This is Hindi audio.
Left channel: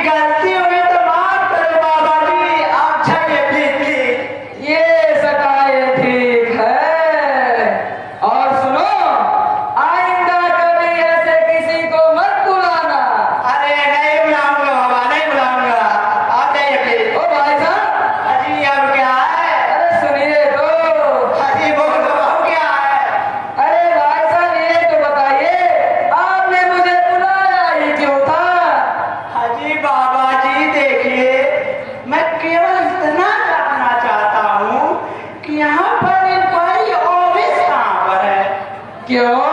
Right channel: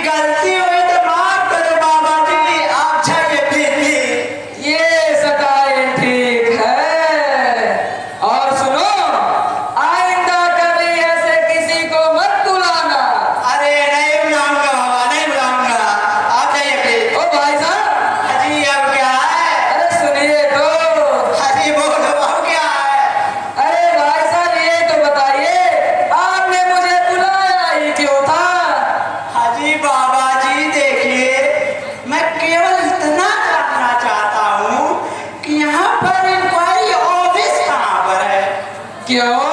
गलती हुई तो माफ करो बाबा जी, आप जाइए प्लीज। ये सकाए ठीक है। और सुनो, आइंदा कभी ऐसे किसी को मत बुलाना। अरे नहीं बुलाऊंगा बाबा, नहीं बुलाऊंगा, आप जाइए प्लीज। ओ भाई साहब, अजी अब क्या है? अरे सुनिए तो। अजी बोलो अब क्या है? अरे भाई साहब, ये तो बताइए, आपने मुझे बुलाया ही क्यों था? अजी बाबा जी देखिए, मैं केवल इतना जानना चाहता हूँ कि यहाँ पर इंक्वायरी ऑफिस कहाँ पर है? क्यों?